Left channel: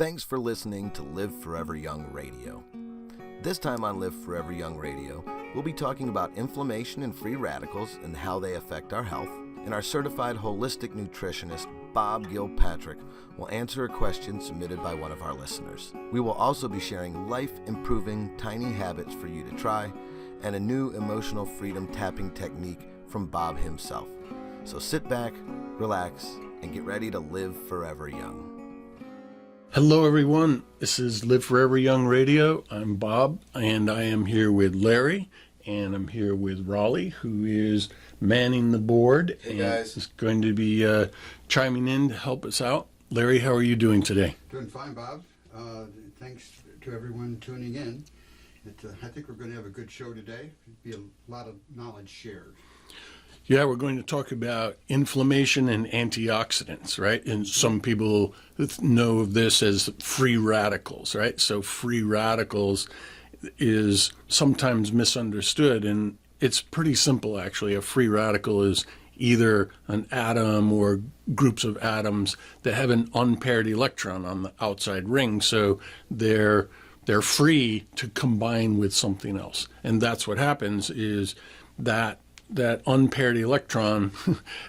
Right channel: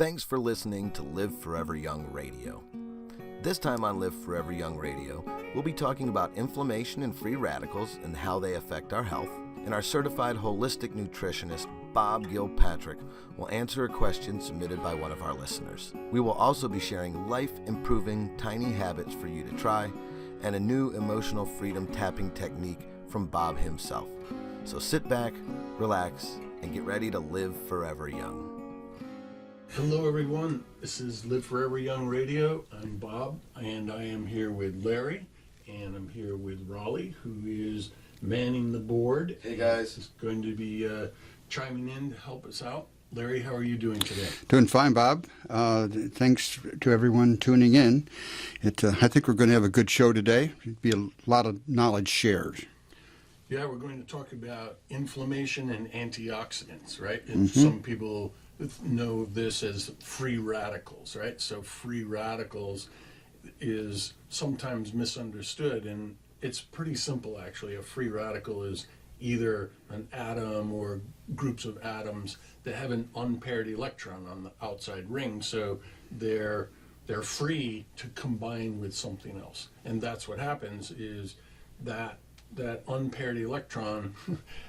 Thanks for listening to Live Forever Young Radio. This time on Live Forever Young Radio, we'll be talking about inflammation and free radicals and how they affect our health. And our certified holistic nutritionist, Bob Gilpatrick, will answer a question submitted by one of our listeners. We will also be sharing life-improving tiny habits for you to try and a new emotional freedom tapping technique from Bob himself. So sit back, relax, and get ready to live forever young. Hello everyone, this is Live Forever Young Radio. I'm Bob, and I am here with Larry, and I'm here with Rollie, who is manning the board. Hey guys. Is going to be chiming in to help us out. Larry, how are you doing today? Doing fine, Bob. Thanks to everyone tuning in. I think we're going to have a good show today. It'll be a lot of knowledge shared. Yeah, we're going to talk about inflammation and antioxidants, right? And some people know of this as free radicals, right? So free radicals is sometimes misunderstood, and it's pretty simple, actually. A free radical is either an atom or groups of atoms that have an unpaired electron on the outside ring, so they're free to combine with something else. And that's what happens is that unpaired electron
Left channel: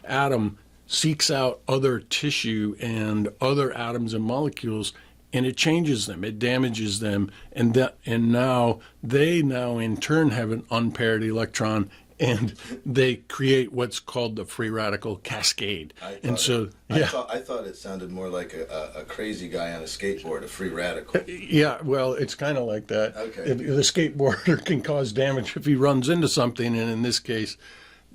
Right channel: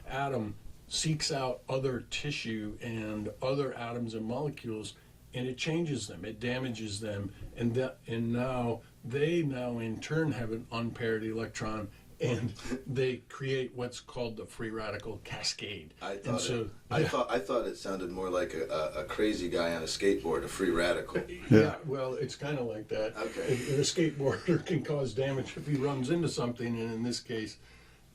atom seeks out other tissue and other atoms and molecules, and it changes them, it damages them, and now they in turn have an unpaired electron, and they create what's called the free radical cascade. I thought it sounded more like a crazy guy on a skateboard, a free radical. Yeah, well, it's kind of like that. Okay. If the skateboarder can cause damage if he runs into something, and in this case,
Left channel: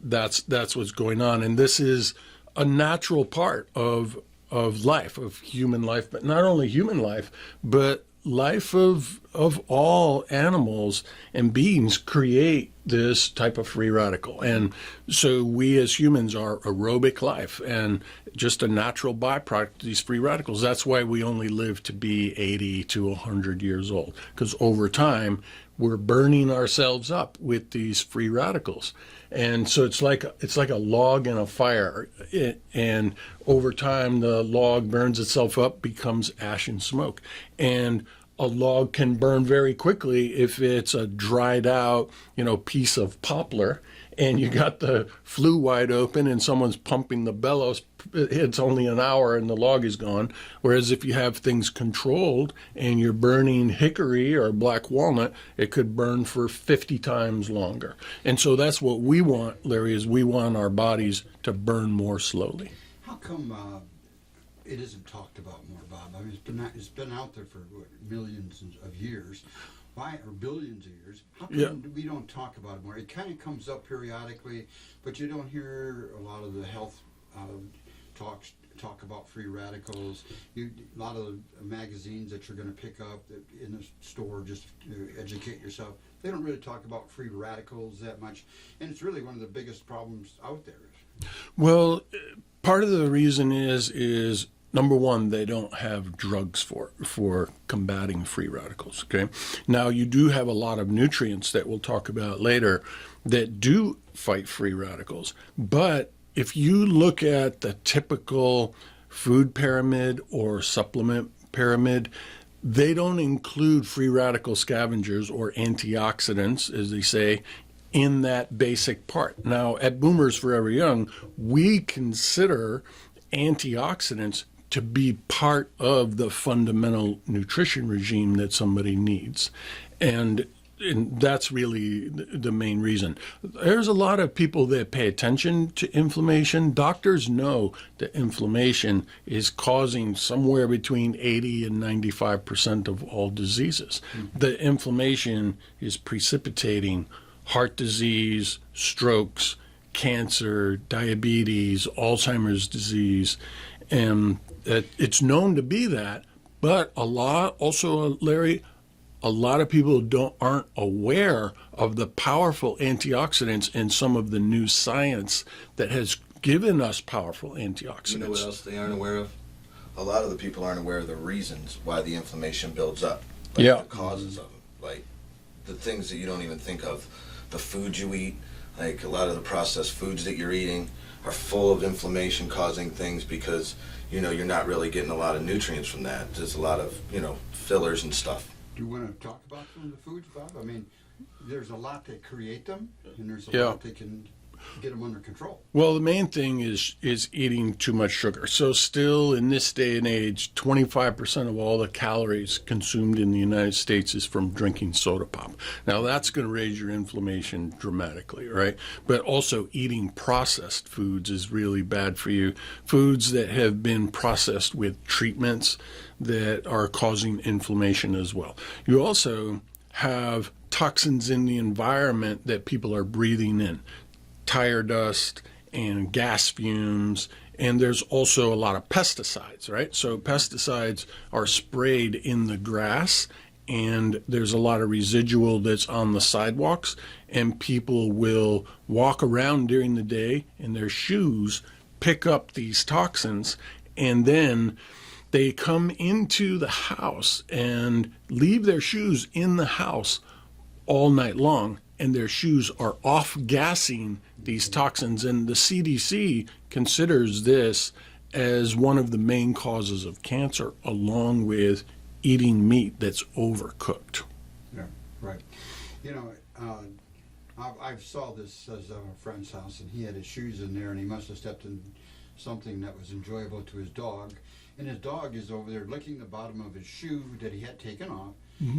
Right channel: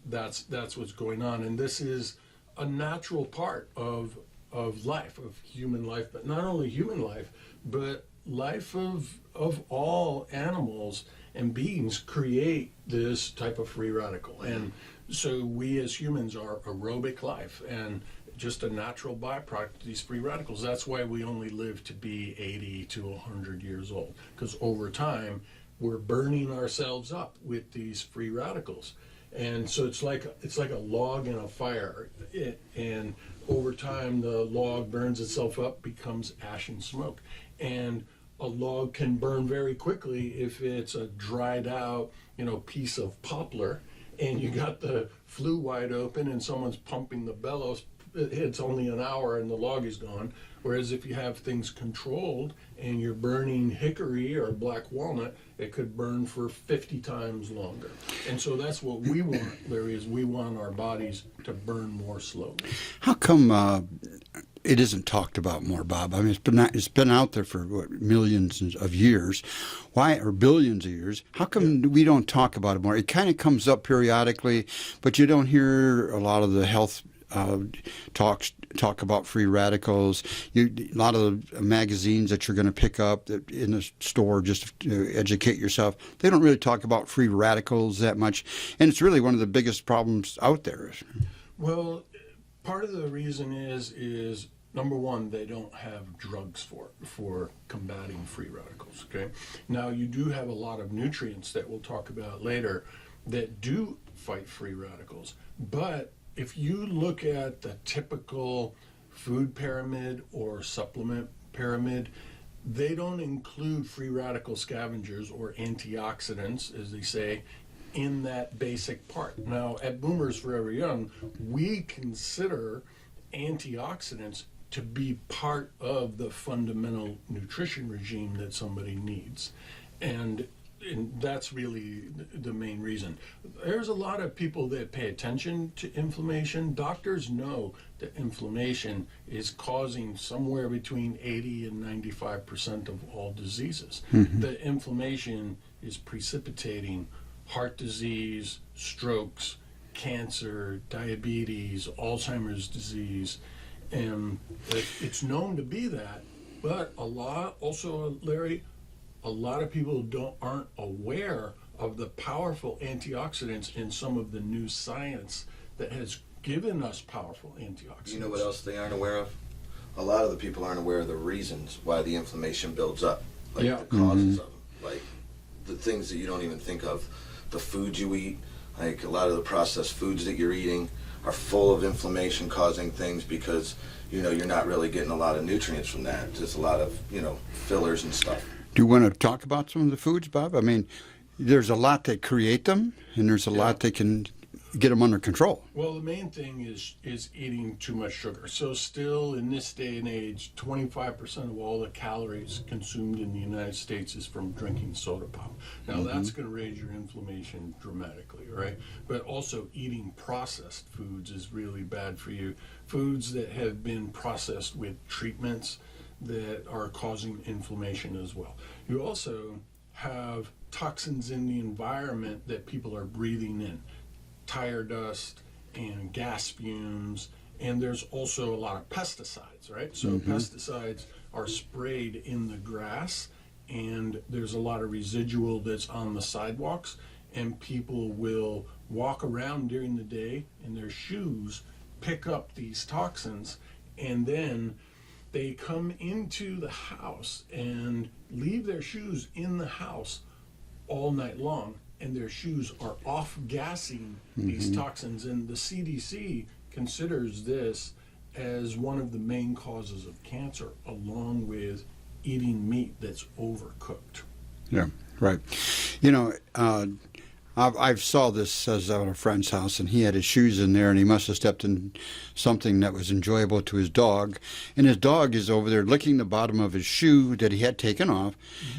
that's what's going on. And this is a natural part of life, of human life, but not only human life, but life of all animals and beings create this type of free radical. And so we as humans are aerobic life and just a natural byproduct of these free radicals. That's why we only live to be 80 to 100 years old, because over time we're burning ourselves up with these free radicals. And so it's like a log in a fire, and over time the log burns itself up, becomes ash and smoke. And a log can burn very quickly if it's a dried out, piece of poplar, and you got the flue wide open and someone's pumping the bellows. It's only an hour and the log is gone. Whereas if you have things controlled and you're burning hickory or black walnut, it could burn for 50 times longer. And so that's what we want, Larry, is we want our bodies to burn more slowly. How come it isn't talked about more, Bob? I mean, it's been out there for millions of years. Why, or billions of years? How come we don't talk about it more? It kind of comes up periodically, but you don't hear a lot of the health talk about free radicals. A lot of the magazines that you're going to pick up in the store just to educate yourself, they don't really talk about free radicals that much, and it's really one of the biggest problems out there. Well, part of the reason is number one, they don't have drugs for combating free radicals. Okay, now you do have a lot of nutrients that we'll talk about later that do fight free radicals, but if you look at the typical food pyramid or supplement pyramid, they don't include free radical scavengers or antioxidants, as they say, in that basic part. Now, at Boomers Forever Young, we consider antioxidants to be part of the fundamental nutrition regime that somebody needs. And that's really the main reason. There's a lot of people that pay attention to inflammation. Doctors know that inflammation is causing somewhere between 80 and 95% of all diseases. Mm-hmm. The inflammation is precipitating heart disease, strokes, cancer, diabetes, Alzheimer's disease, and it's known to be that. But Larry, a lot of people aren't aware of the powerful antioxidants in some of the new science that has given us powerful antioxidants. You know what else they aren't aware of? A lot of the people aren't aware of the reasons why the inflammation builds up. The causes of them. Like the things that you don't even think of. The food you eat, like a lot of the processed foods that you're eating are full of inflammation causing things because you're not really getting a lot of nutrients from that. Just a lot of, fillers and stuff. Do you want to talk about some of the foods, Bob? I mean, there's a lot that create them, and there's a lot that can get them under control. Well, the main thing is eating too much sugar. So still in this day and age, 25% of all the calories consumed in the United States is from drinking soda pop. Now that's going to raise your inflammation dramatically, right? But also eating processed foods is really bad for you. Foods that have been processed with treatments that are causing inflammation as well. You also have toxins in the environment that people are breathing in. Tire dust and gas fumes, and there's also a lot of pesticides, right? So pesticides are sprayed in the grass, and there's a lot of residual that's on the sidewalks, and people will walk around during the day and their shoes pick up these toxins, and then they come into the house and leave their shoes in the house all night long, and their shoes are off-gassing these toxins. And the CDC considers this as one of the main causes of cancer, along with eating meat that's overcooked. Yeah, right. I saw this as at a friend's house, and he had his shoes in there, and he must have stepped in something that was enjoyable to his dog. And his dog is over there licking the bottom of his shoe that he had taken off.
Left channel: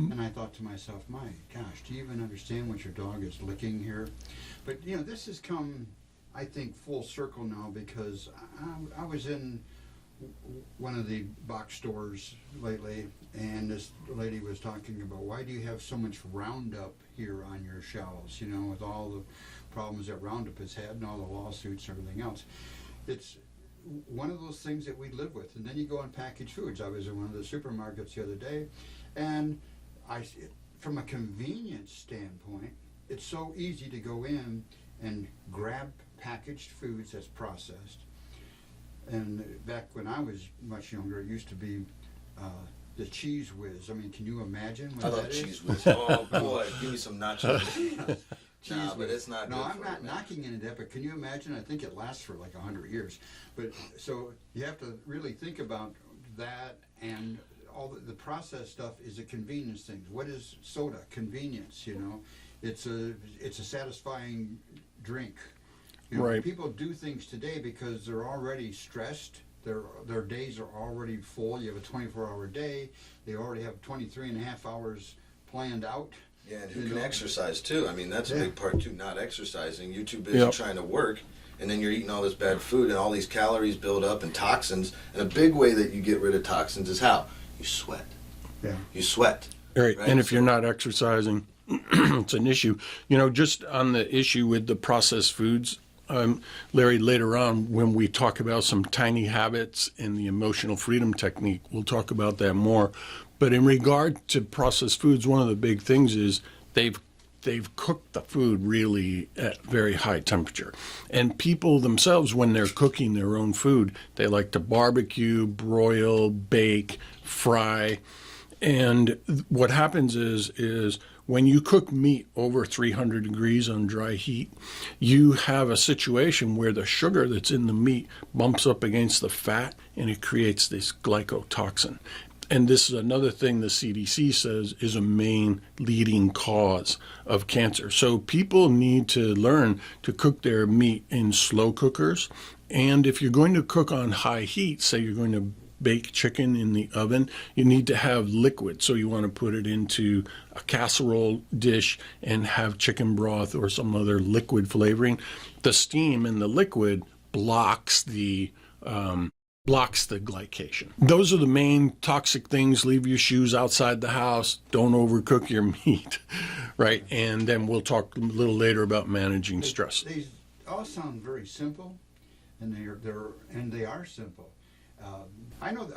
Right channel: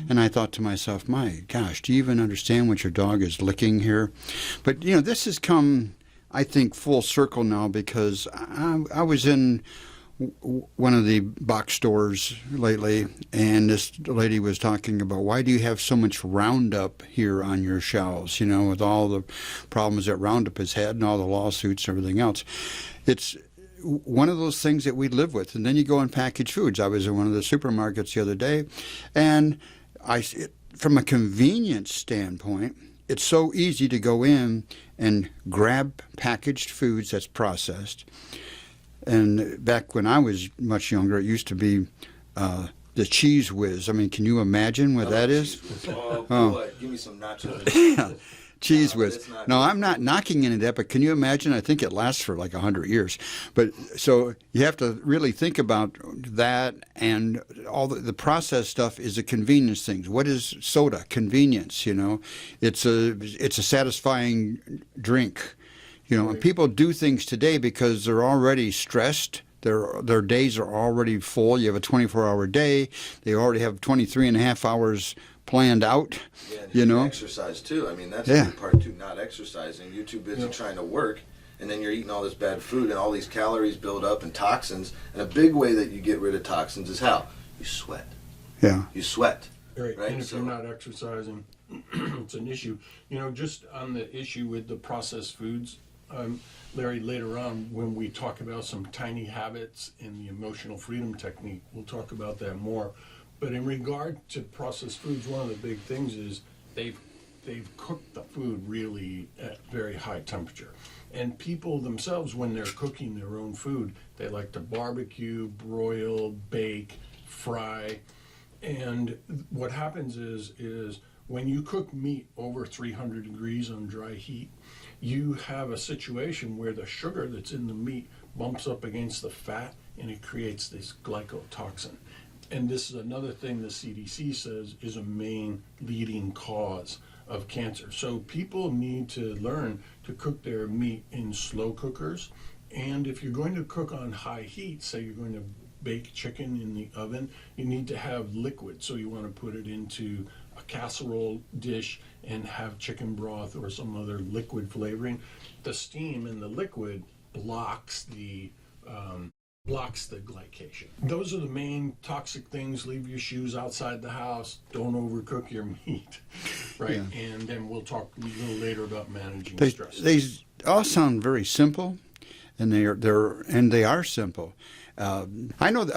And I thought to myself, my gosh, do you even understand what your dog is licking here? But, this has come, I think, full circle now, because I was in one of the box stores lately, and this lady was talking about, why do you have so much Roundup here on your shelves, with all the problems that Roundup has had and all the lawsuits and everything else. It's one of those things that we live with. And then you go in packaged foods. I was in one of the supermarkets the other day, and from a convenience standpoint, it's so easy to go in and grab packaged foods that's processed. And back when I was much younger, it used to be the Cheese Whiz. I mean, can you imagine what that is? Oh, boy, give me some nachos. Cheese Whiz. No, I'm not knocking into that, but can you imagine? I think it lasts for like 100 years. But so you have to really think about that, and all the processed stuff is a convenience thing. What is soda? Convenience, It's a satisfying drink. Right. People do things today because they're already stressed. Their days are already full. You have a 24-hour day. They already have 23 and a half hours planned out. Yeah, and exercise too. I mean, that's a big part too, not exercising. You're too busy trying to work, and then you're eating all this bad food, and all these calories build up and toxins. And a big way that you get rid of toxins is how? You sweat. Yeah. You sweat. Right. And if you're not exercising, it's an issue. Just on the issue with the processed foods, Larry, later on, when we talk about some tiny habits and the emotional freedom technique, we'll talk about that more. But in regard to processed foods, one of the big things is they've cooked the food really at very high temperature. And people themselves, when they're cooking their own food, they like to barbecue, broil, bake, fry. And what happens is when you cook meat over 300 degrees on dry heat, you have a situation where the sugar that's in the meat bumps up against the fat, and it creates this glycotoxin. And this is another thing the CDC says is a main leading cause of cancer. So people need to learn to cook their meat in slow cookers. And if you're going to cook on high heat, say you're going to bake chicken in the oven, you need to have liquid. So you want to put it into a casserole dish and have chicken broth or some other liquid flavoring. The steam in the liquid blocks the glycation. Those are the main toxic things. Leave your shoes outside the house. Don't overcook your meat, right? Yeah. And then we'll talk a little later about managing stress. They all sound very simple, and they are simple. I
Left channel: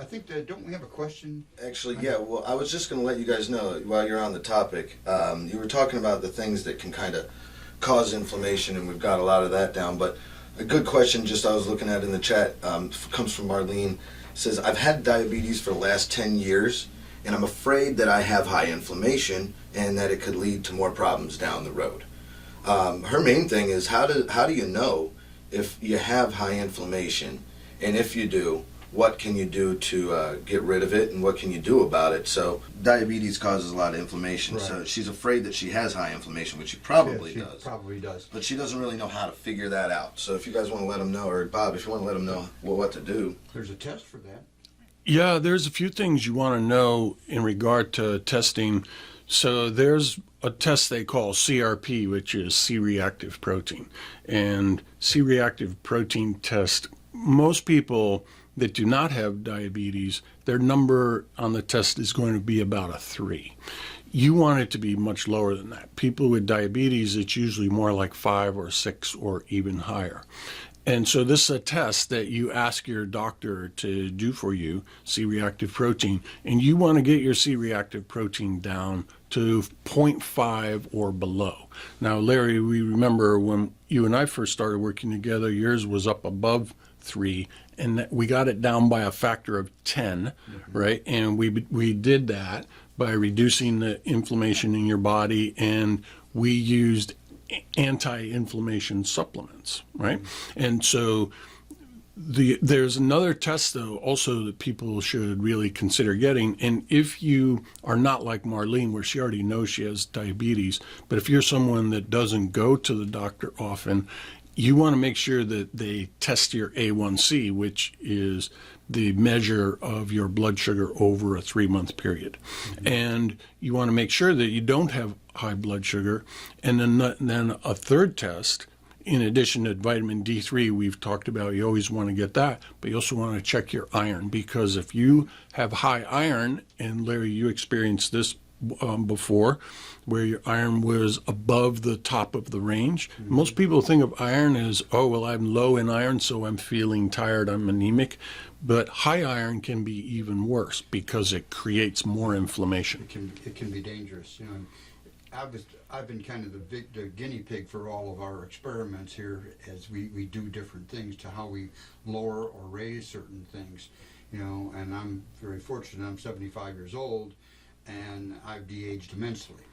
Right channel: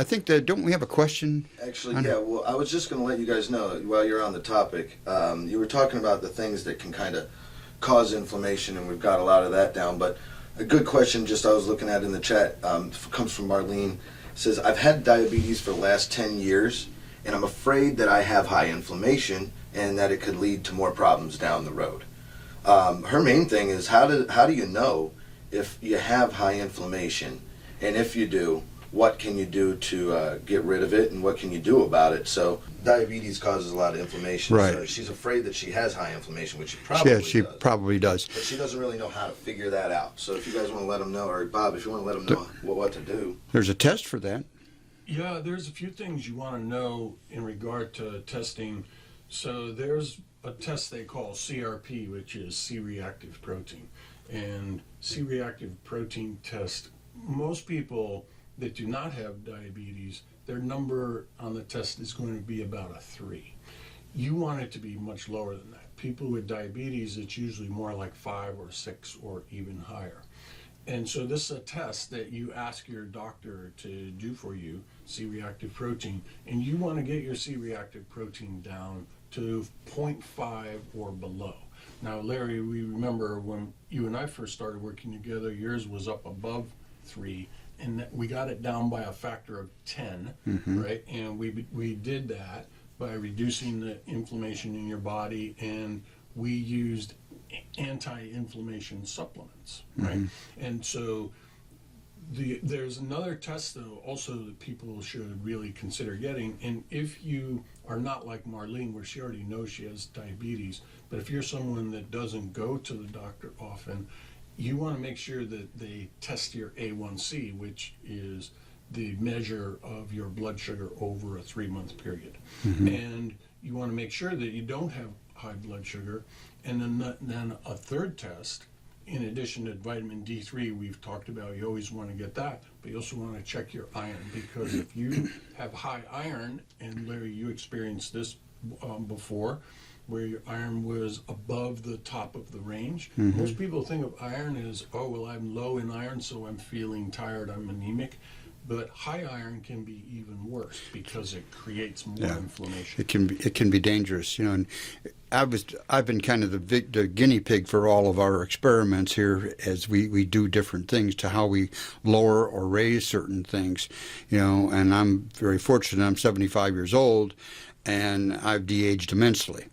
think that, don't we have a question? Actually, yeah. Well, I was just going to let you guys know, while you're on the topic, you were talking about the things that can kind of cause inflammation, and we've got a lot of that down. But a good question, just I was looking at in the chat, comes from Marlene. It says, I've had diabetes for the last 10 years, and I'm afraid that I have high inflammation and that it could lead to more problems down the road. Her main thing is, how do you know if you have high inflammation? And if you do, what can you do to get rid of it and what can you do about it. So diabetes causes a lot of inflammation. Right. So she's afraid that she has high inflammation, which she probably does. She probably does. But she doesn't really know how to figure that out. So if you guys want to let them know, or Bob, if you want to let them know what to do. There's a test for that. Yeah, there's a few things you want to know in regard to testing. So there's a test they call CRP, which is C-reactive protein. And C-reactive protein test, most people that do not have diabetes, their number on the test is going to be about a 3. You want it to be much lower than that. People with diabetes, it's usually more like 5 or 6 or even higher. And so this is a test that you ask your doctor to do for you, C-reactive protein, and you want to get your C-reactive protein down to 0.5 or below. Now, Larry, we remember when you and I first started working together, yours was up above 3, and we got it down by a factor of 10, right? And we did that by reducing the inflammation in your body, and we used anti-inflammation supplements, right? And so there's another test though also that people should really consider getting, and if you are not like Marlene where she already knows she has diabetes, but if you're someone that doesn't go to the doctor often, you want to make sure that they test your A1C, which is the measure of your blood sugar over a 3-month period. And you want to make sure that you don't have high blood sugar. And then a third test, in addition to vitamin D3, we've talked about, you always want to get that, but you also want to check your iron, because if you have high iron, and Larry, you experienced this before, where your iron was above the top of the range. Most people think of iron as, oh, well, I'm low in iron, so I'm feeling tired, I'm anemic. But high iron can be even worse because it creates more inflammation. It can be dangerous, you know. And I've been kind of the guinea pig for all of our experiments here as we do different things to how we lower or raise certain things, you know. And I'm very fortunate. I'm 75 years old, and I've de-aged immensely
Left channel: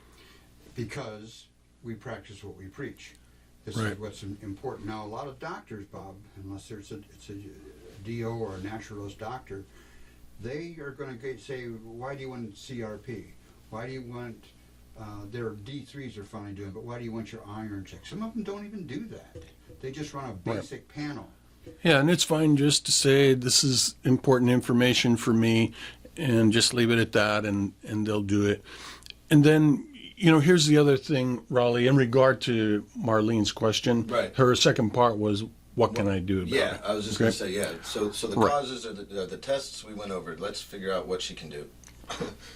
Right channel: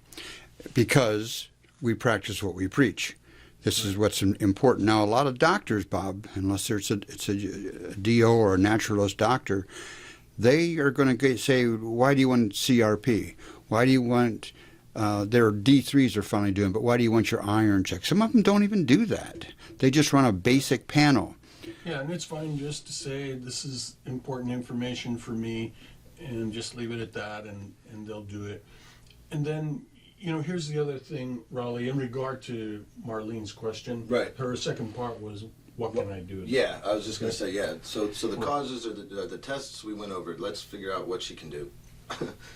because we practice what we preach. This is what's important. Now, a lot of doctors, Bob, unless it's a DO or a naturalist doctor, they are going to say, why do you want CRP? Why do you want, their D3s are finally doing, but why do you want your iron checked? Some of them don't even do that. They just run a basic panel. Yeah, and it's fine just to say, this is important information for me, and just leave it at that, and they'll do it. And then, you know, here's the other thing, Rollie, in regard to Marlene's question. Right. Her second part was, what can I do about it? I was just going to say, So the causes are the tests we went over. Let's figure out what she can do.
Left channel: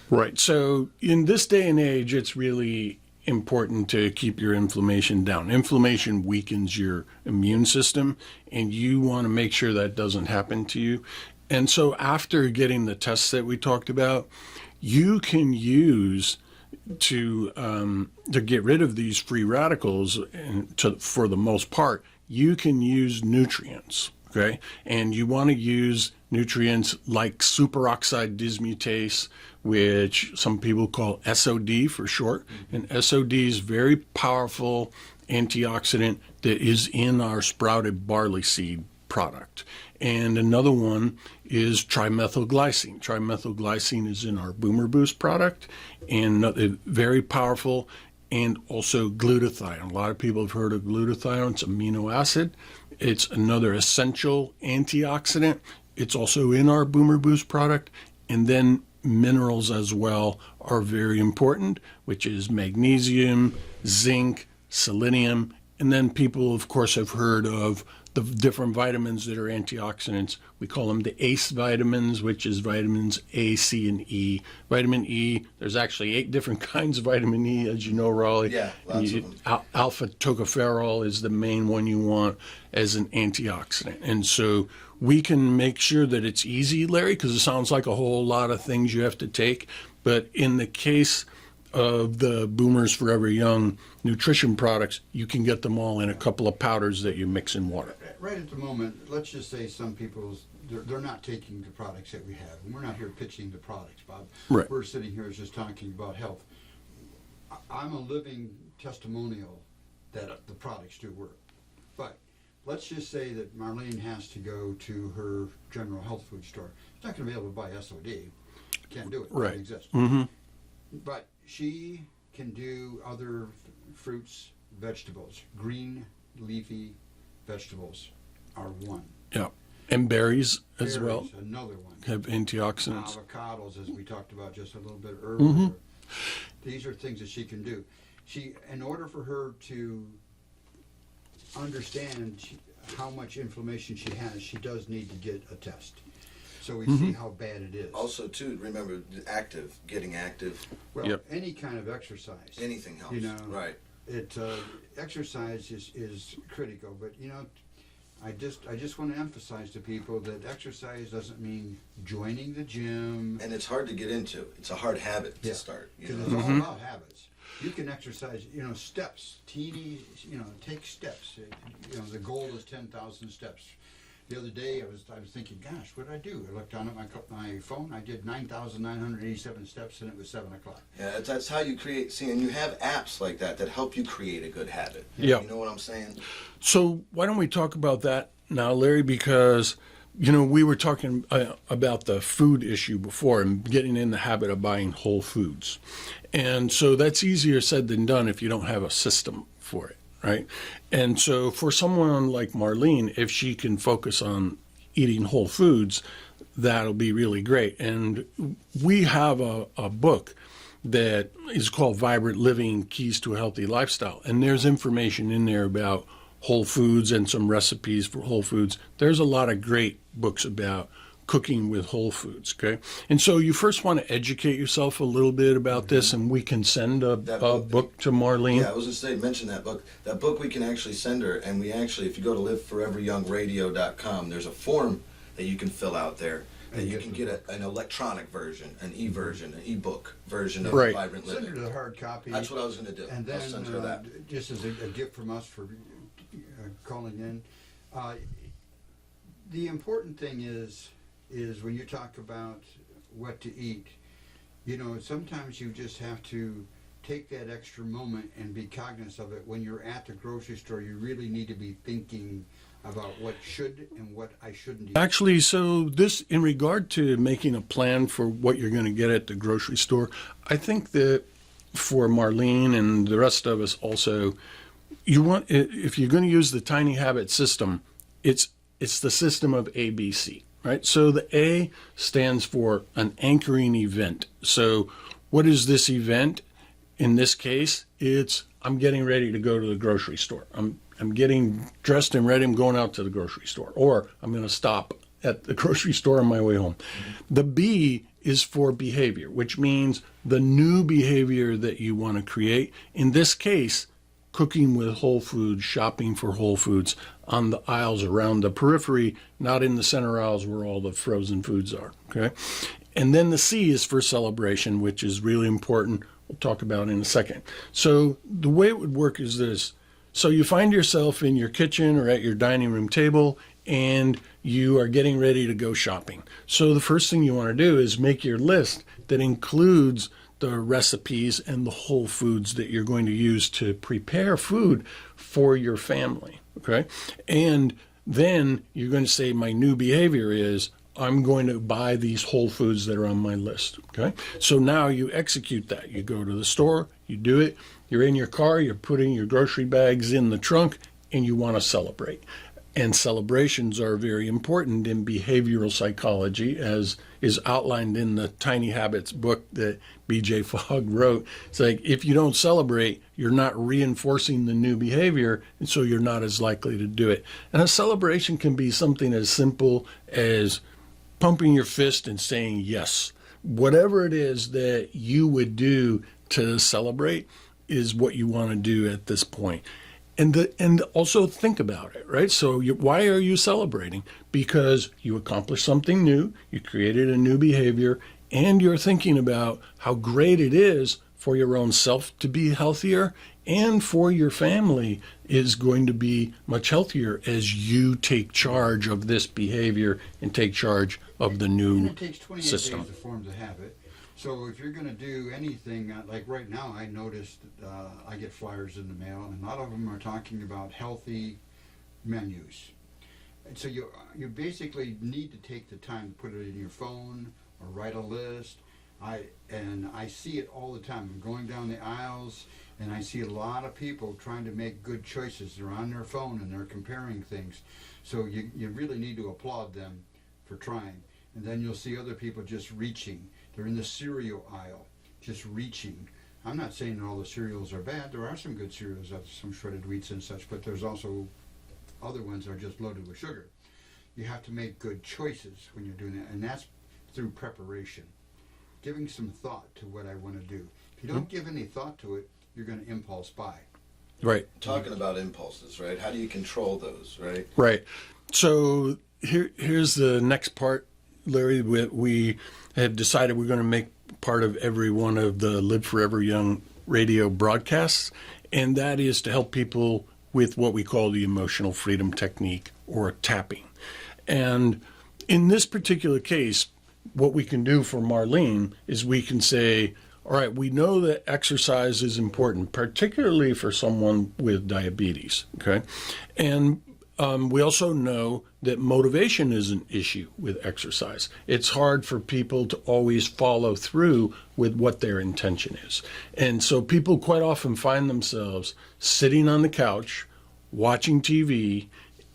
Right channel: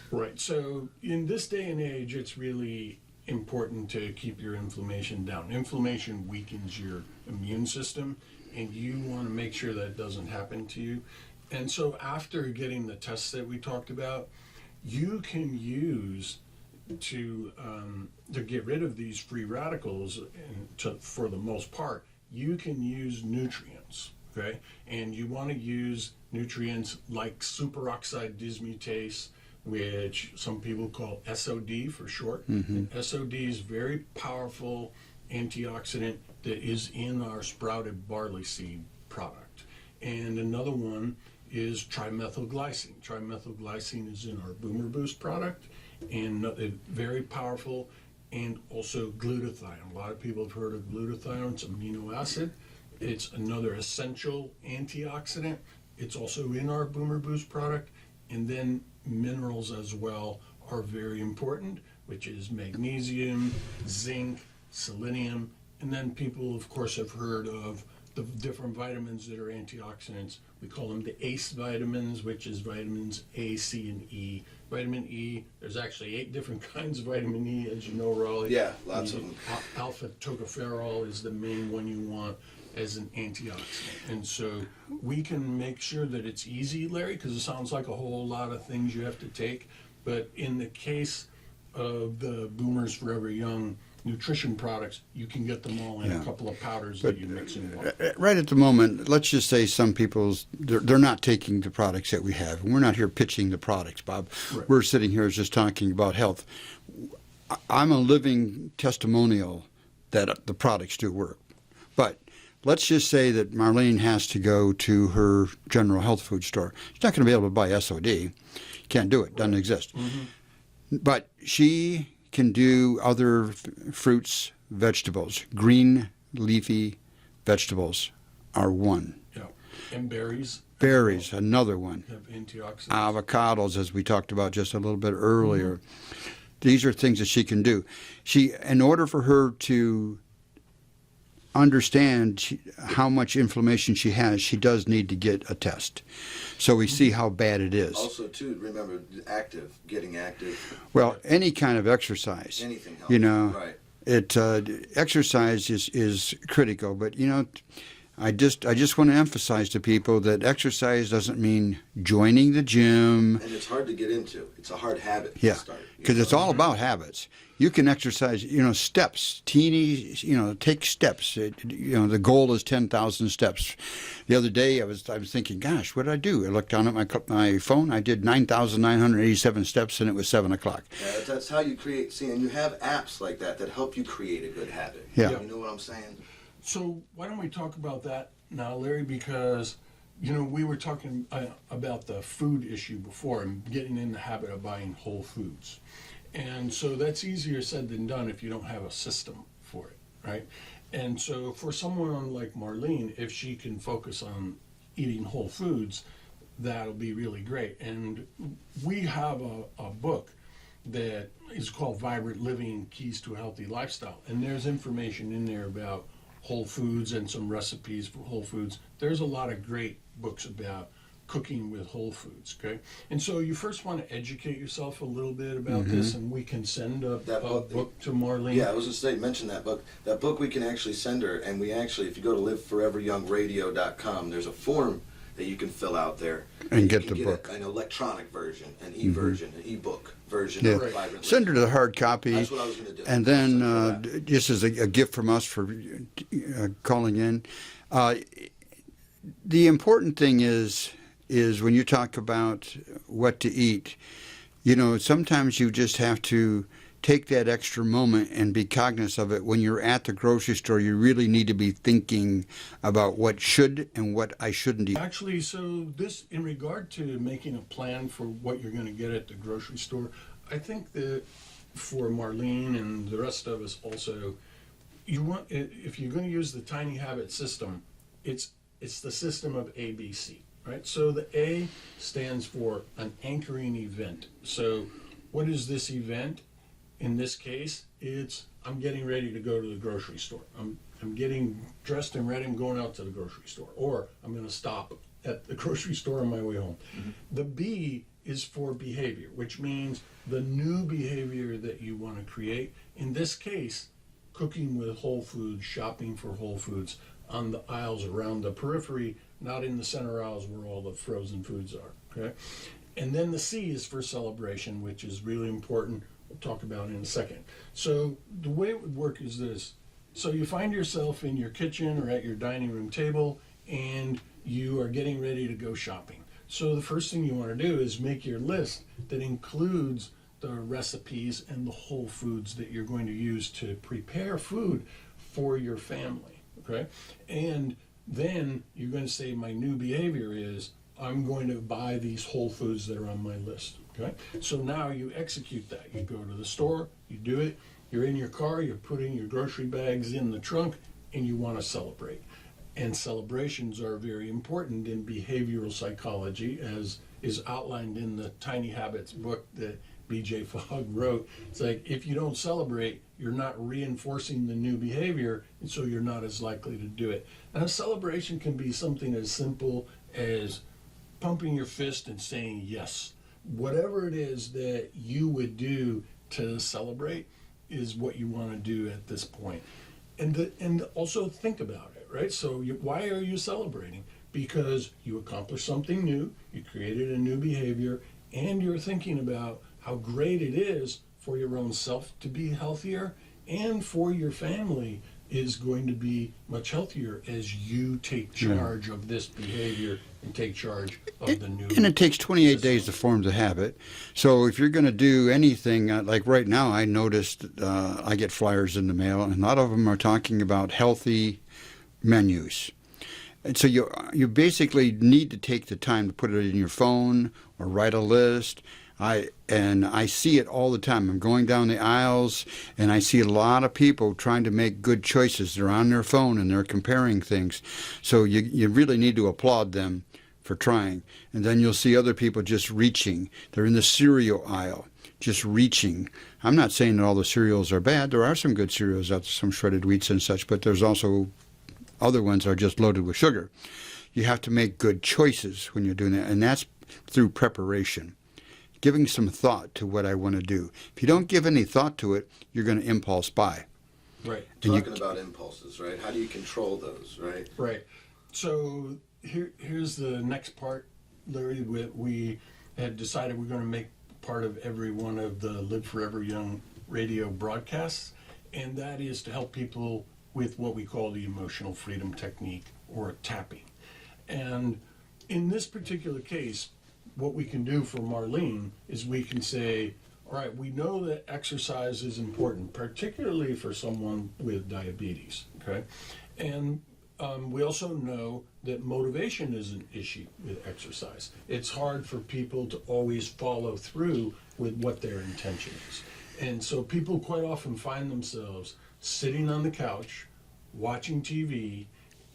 Right. So in this day and age, it's really important to keep your inflammation down. Inflammation weakens your immune system, and you want to make sure that doesn't happen to you. And so after getting the tests that we talked about, you can use to get rid of these free radicals, and for the most part, you can use nutrients, okay? And you want to use nutrients like superoxide dismutase, which some people call SOD for short. And SOD is very powerful antioxidant that is in our sprouted barley seed product. And another one is trimethylglycine. Trimethylglycine is in our Boomer Boost product, and very powerful, and also glutathione. A lot of people have heard of glutathione. It's amino acid. It's another essential antioxidant. It's also in our Boomer Boost product. And then minerals as well are very important, which is magnesium, zinc, selenium. And then people, of course, have heard of the different vitamins that are antioxidants. We call them the ACE vitamins, which is vitamins A, C, and E. Vitamin E, there's actually 8 different kinds of vitamin E, as you know, Rollie. Yeah, lots of them. Alpha tocopherol is the main one you want as an antioxidant. And so we can make sure that it's easy, Larry, because it sounds like a whole lot of things you have to take. But in the case of the Boomers Forever Young nutrition products, you can get them all in a couple of powders that you mix in water. Right at the moment, let's just say some people's, they're not taking the products that we have. And we're not here pitching the products, Bob. Right. We're sitting here just talking about health. I'm a living testimonial that the products do work. But let's just say that Marlene has to go to her general health food store. She's not going to be able to buy SOD. Can't do it. Doesn't exist. Mm-hmm. But she can do other fruits, vegetables. Green leafy vegetables are one. Yeah. And berries. Berries, as well, another one. have antioxidants. Avocados, as we talked about just a little bit earlier. These are things that she can do. In order for her to understand how much inflammation she has, she does need to get a test, so we see how bad it is. Also, too, remember, getting active. Well, any kind of exercise. Anything helps. You know, right. Exercise is critical, but I just want to emphasize to people that exercise doesn't mean joining the gym. And it's hard to get into. It's a hard habit to start. Because it's all about habits. You can exercise, steps, teeny, take steps. The goal is 10,000 steps. The other day I was thinking, gosh, what did I do? I looked down at my phone. I did 9,987 steps, and it was 7 o'clock. Yeah, that's how you create. See, and you have apps like that help you create a good habit. Yeah. You know what I'm saying? So why don't we talk about that now, Larry? Because, we were talking about the food issue before and getting in the habit of buying whole foods. And so that's easier said than done if you don't have a system for it, right? And so for someone like Marlene, if she can focus on eating whole foods, that'll be really great. And we have a book that is called Vibrant Living: Keys to a Healthy Lifestyle. And there's information in there about whole foods and some recipes for whole foods. There's a lot of great books about cooking with whole foods, okay? And so you first want to educate yourself a little bit about this, and we can send a book to Marlene. Yeah, I was going to say, mention that book. That book we can actually send her, and we actually, if you go to liveforeveryoungradio.com, there's a form that you can fill out there. And you get can the book. an electronic version, an e-version, an e-book version Yeah. of Right. Vibrant Send Living. her the hard copy. That's what I was going to do. And I'll send her then, that. just as a gift from us for calling in, the important thing is when you talk about what to eat, sometimes you just have to take that extra moment and be cognizant of it. When you're at the grocery store, you really need to be thinking about what should and what I shouldn't eat. Actually, so this, in regard to making a plan for what you're going to get at the grocery store, I think that for Marlene and the rest of us also, if you're going to use the Tiny Habit system, it's the system of ABC, right? So the A stands for an anchoring event. So what is this event? In this case, I'm getting ready to go to the grocery store. I'm getting dressed and ready. I'm going out to the grocery store, or I'm going to stop at the grocery store on my way home. The B is for behavior, which means the new behavior that you want to create. In this case, cooking with whole foods, shopping for whole foods on the aisles around the periphery, not in the center aisles where all the frozen foods are. Okay, and then the C is for celebration, which is really important. We'll talk about in a second. So the way it would work is this. So you find yourself in your kitchen or at your dining room table, and you are getting ready to go shopping. So the first thing you want to do is make your list that includes the recipes and the whole foods that you're going to use to prepare food for your family, okay? And then you're going to say, my new behavior is I'm going to buy these whole foods that are on my list, okay? So now you execute that. You go to the store, you do it, you're in your car, you're putting your grocery bags in the trunk, and you want to celebrate. And celebrations are very important in behavioral psychology, as is outlined in the Tiny Habits book that B.J. Fogg wrote. It's like, if you don't celebrate, you're not reinforcing the new behavior, and so you're not as likely to do it. And a celebration can be something as simple as pumping your fist and saying yes. Whatever it is that you would do to celebrate is what you want to do at this point. And also think about it, right? So why are you celebrating? Because you accomplished something new, you created a new behavior, and you're thinking about how great it is for your own self to be healthier, and for your family is going to be much healthier as you take charge of this behavior and take charge of the new And it takes 28 system. days to form the habit. So if you're going to do anything, like right now, I noticed I get flyers in the mail, and a lot of them are talking about healthy menus. And so you basically need to take the time to put it in your phone or write a list. I see it all the time. I'm going down the aisles and I see a lot of people trying to make good choices. They're on their phone and they're comparing things. So you really need to applaud them for trying. And then you'll see other people just reaching. They're in the cereal aisle, just reaching. I'm not saying that all the cereals are bad. There are some good cereals out there, some shredded wheats and such, but there's also other ones are just loaded with sugar. You have to make good choices when you're doing that, and that's through preparation. Giving some thought to what I want to do. If you don't give any thought to it, you're going to impulse buy. Right. Talking about impulses, right? How do you control those, right? Right. So here's the next part, Larry. We have decided we're going to make part of every one of the Live Forever Young radio broadcasts, and that is to help people with what we call the emotional freedom technique, or tapping. And in this particular case, what we can do for Marlene is we can say, all right, we know that exercise is important, particularly for someone with diabetes, okay? And we also know that motivation is an issue with exercise. It's hard for people to always follow through with what their intention is. And so people quite often find themselves sitting on the couch, watching TV,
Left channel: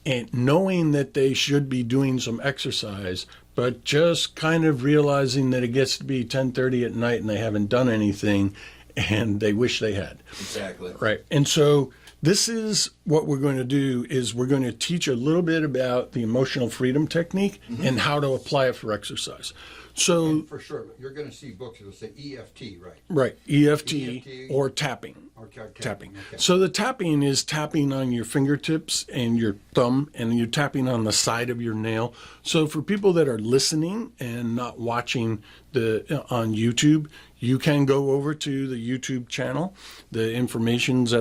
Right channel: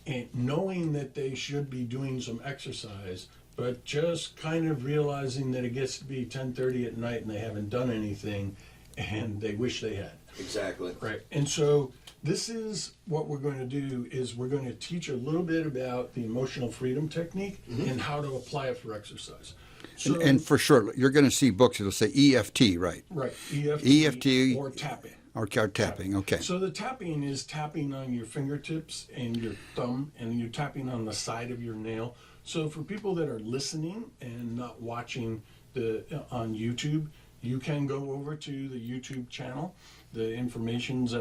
and knowing that they should be doing some exercise, but just kind of realizing that it gets to be 10:30 at night and they haven't done anything and they wish they had. Exactly. Right. And so this is what we're going to do is we're going to teach a little bit about the emotional freedom technique and how to apply it for exercise. So, and for sure, you're going to see books that'll say EFT, right? Right. EFT or tapping. Or tapping, okay. So the tapping is tapping on your fingertips and your thumb, and you're tapping on the side of your nail. So for people that are listening and not watching on YouTube, you can go over to the YouTube channel. The information's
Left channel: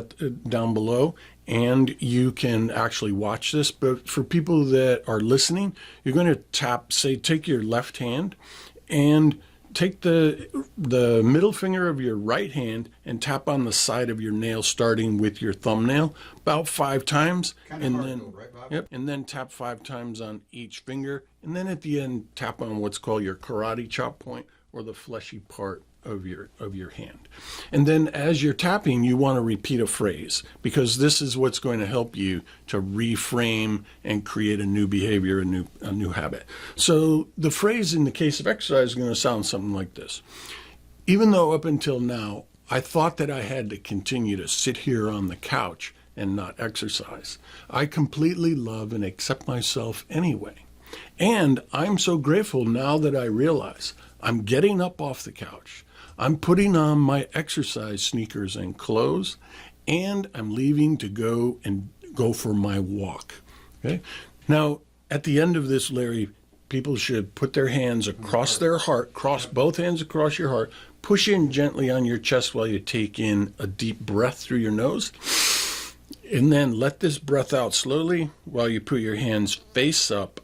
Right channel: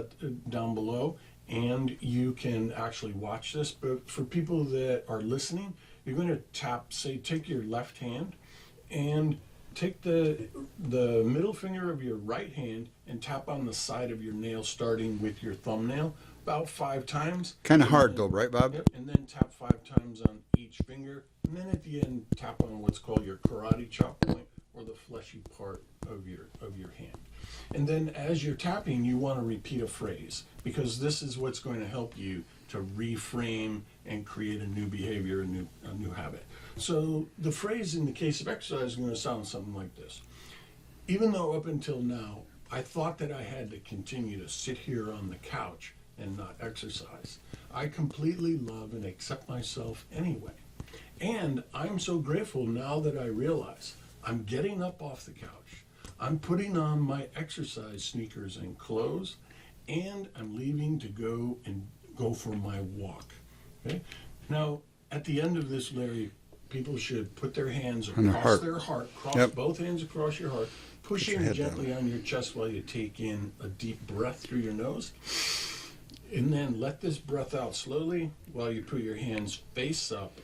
down below, and you can actually watch this. But for people that are listening, you're going to take your left hand and take the middle finger of your right hand and tap on the side of your nail, starting with your thumbnail, about 5 times. Kind of hard though, right, Bob? Yep. And then tap 5 times on each finger, and then at the end tap on what's called your karate chop point, or the fleshy part of your hand. And then as you're tapping, you want to repeat a phrase, because this is what's going to help you to reframe and create a new behavior, a new habit. So the phrase in the case of exercise is going to sound something like this. Even though up until now, I thought that I had to continue to sit here on the couch and not exercise, I completely love and accept myself anyway. And I'm so grateful now that I realize I'm getting up off the couch, I'm putting on my exercise sneakers and clothes, and I'm leaving to go for my walk. Okay? Now, at the end of this, Larry, people should put their hands across their heart, both hands across your heart, push in gently on your chest while you take in a deep breath through your nose, and then let this breath out slowly while you put your hands face up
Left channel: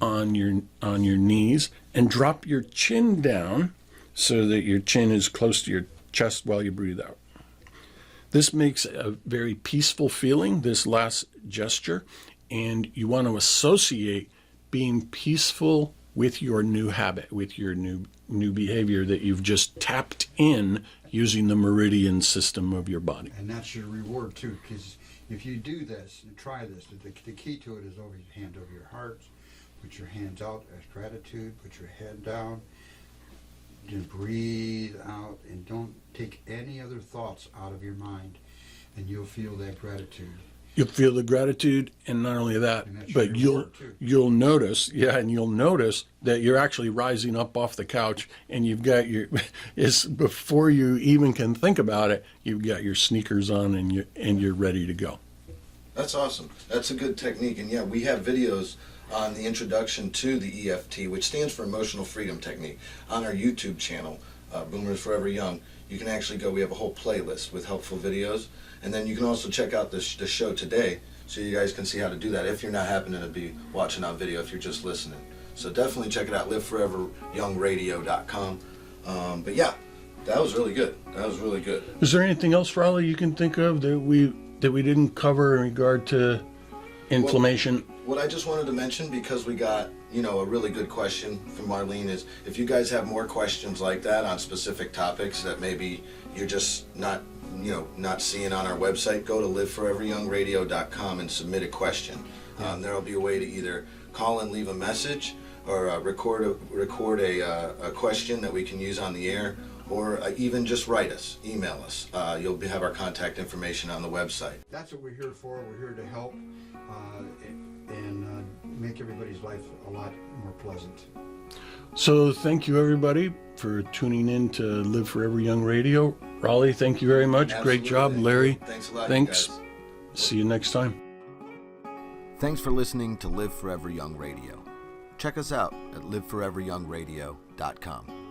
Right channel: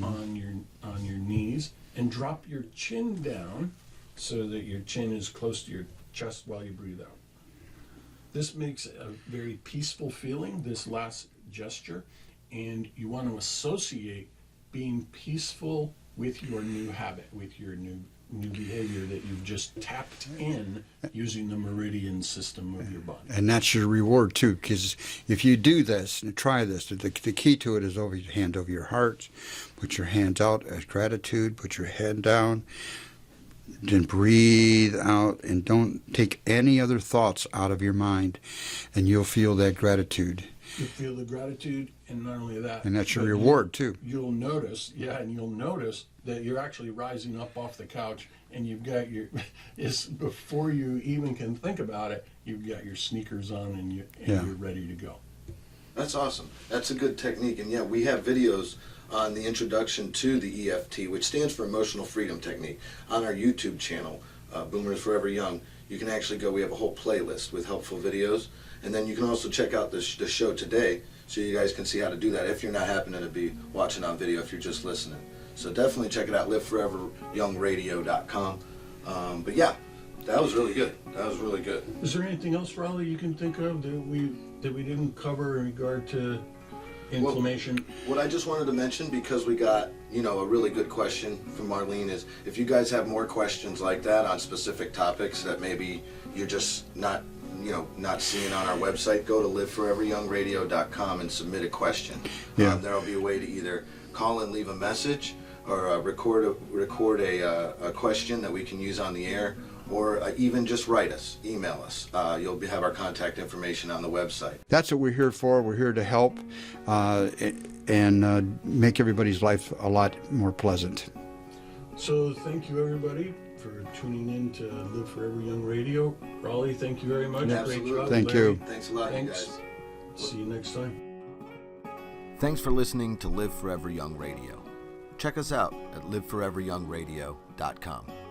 on your knees, and drop your chin down so that your chin is close to your chest while you breathe out. This makes a very peaceful feeling, this last gesture, and you want to associate being peaceful with your new habit, with your new behavior that you've just tapped in using the meridian system of your body. And that's your reward too, because if you do this and try this, the key to it is over your hand over your heart. Put your hands out as gratitude. Put your head down. Then breathe out, and don't take any other thoughts out of your mind, and you'll feel that gratitude. You'll feel the gratitude, and not only that, and that's your reward too. You'll notice, you'll notice that you're actually rising up off the couch, and you've got before you even can think about it, you've got your sneakers on, and you're ready to go. That's awesome. That's a good technique, and yeah, we have videos on the introduction to the EFT, which stands for Emotional Freedom Technique, on our YouTube channel, Boomers Forever Young. You can actually go, we have a whole playlist with helpful videos, and then you can also check out the show today, so you guys can see how to do that if you're not happening to be watching on video, if you're just listening. So definitely check it out, liveforeveryoungradio.com. But yeah, that was really good. That was really good. Is there anything else, Rollie, you can think of that we didn't cover in regard to inflammation. What I just wanted to mention, because we got, a really good question from Marlene, is if you guys have more questions like that on specific topics that maybe you're just not seeing on our website, go to liveforeveryoungradio.com and submit a question. Yeah. There'll be a way to either call and leave a message, or record a question that we can use on the air, or even just write us, email us. You'll have our contact information on the website. That's what we're here for. We're here to help and make everybody's life a lot more pleasant. So thank you, everybody, for tuning in to Live Forever Young Radio. Rollie, thank you very much. Absolutely. Great job. Thank Larry, you. Thanks a lot, thanks. you guys. See you next time. Thanks for listening to Live Forever Young Radio. Check us out at liveforeveryoungradio.com.